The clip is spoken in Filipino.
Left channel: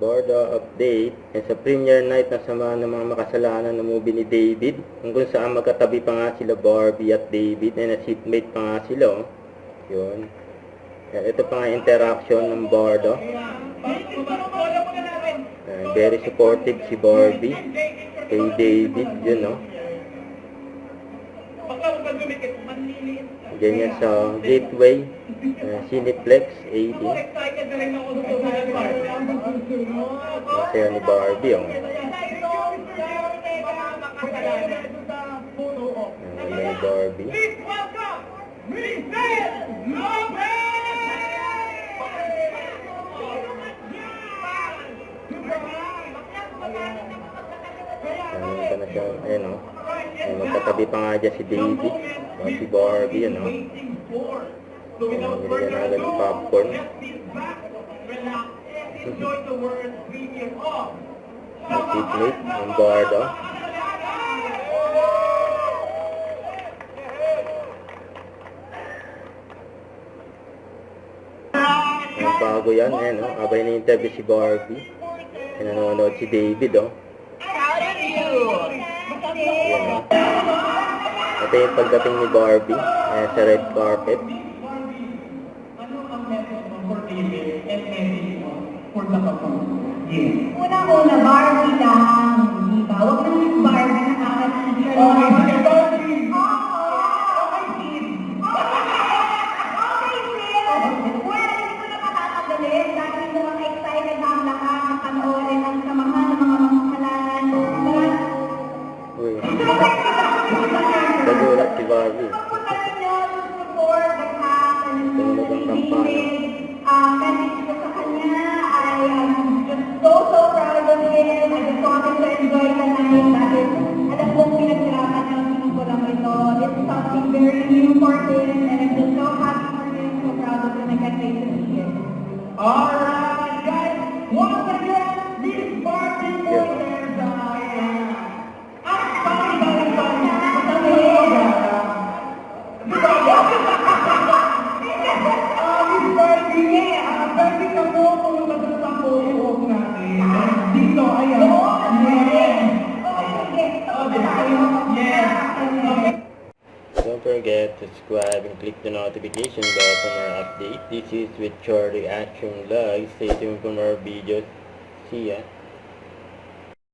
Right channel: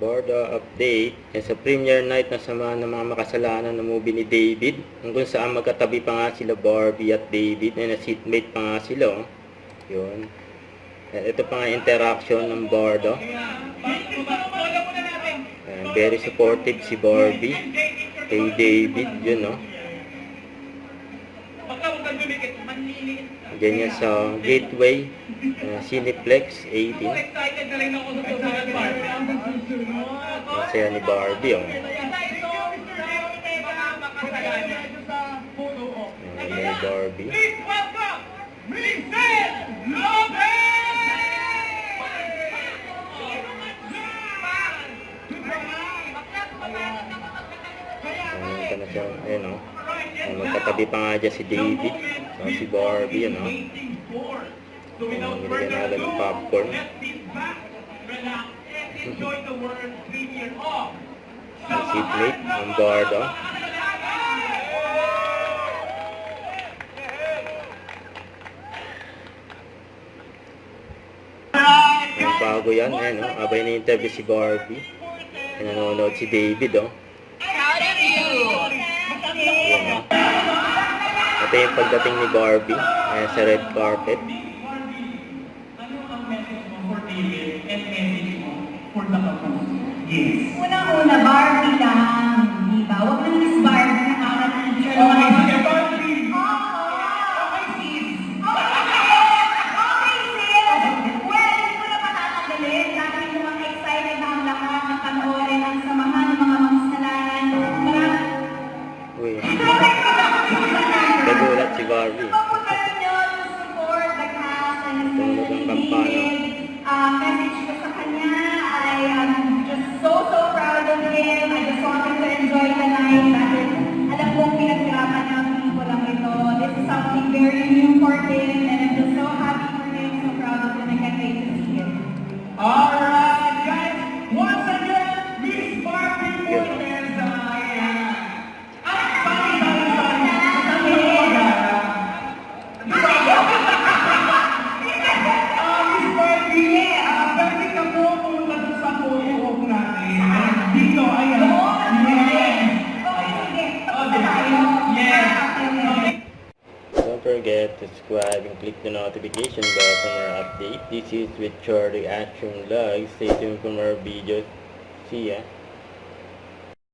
Borda update. Sa premiere night na sama ng mga makasalanan ng movie ni David, kung saan magkatabi pa nga sila Barbie at David, na seatmate pa nga sila. Yun. Ito pa nga interaction ng Borda. Very supportive si Barbie kay David, yun, no? Ganyan sa Gateway Cineplex 18. Masaya ni Barbie, oh. Ni Barbie. Ito na siya, ayun, oh. Magkatabi pa nga dyan si David, si Barbie, yun, oh. Nilagyan na agad ng popcorn. Ang seatmate ng Borda. Ang bago yan, ayun, oh. Abay na interview si Barbie. Nanonood si David, oh. Ayan, oh. Ito yung pagdating ni Barbie sa red carpet. Una-una, Barbie lang, di ba? Huwag na Miss Barbie na para teacher. Okay, sige, Barbie! Okay, sis. Okay, sis. Well, hindi ko na patatagalin. Dahil mo ang excited na ang lahat na panoorin ang samahan ng mga makasalanan. Uy. Nagulat si Barbie. Pagpapagalan nyo to support the cast and Tumunog ang kampana. message ko sa kanya ay just so proud of him. I just wanted to enjoy the night dahil alam kong pinaghirapan ng pelikulang ito. This is something very new for him and I'm just so happy for him, so proud of him. I can't wait to see him. Alright, guys. Once again, Miss Barbie Morales. Don't forget to subscribe and click the notification bell for more updates. This is with Charlie Action Vlog. Stay tuned for more videos. See ya.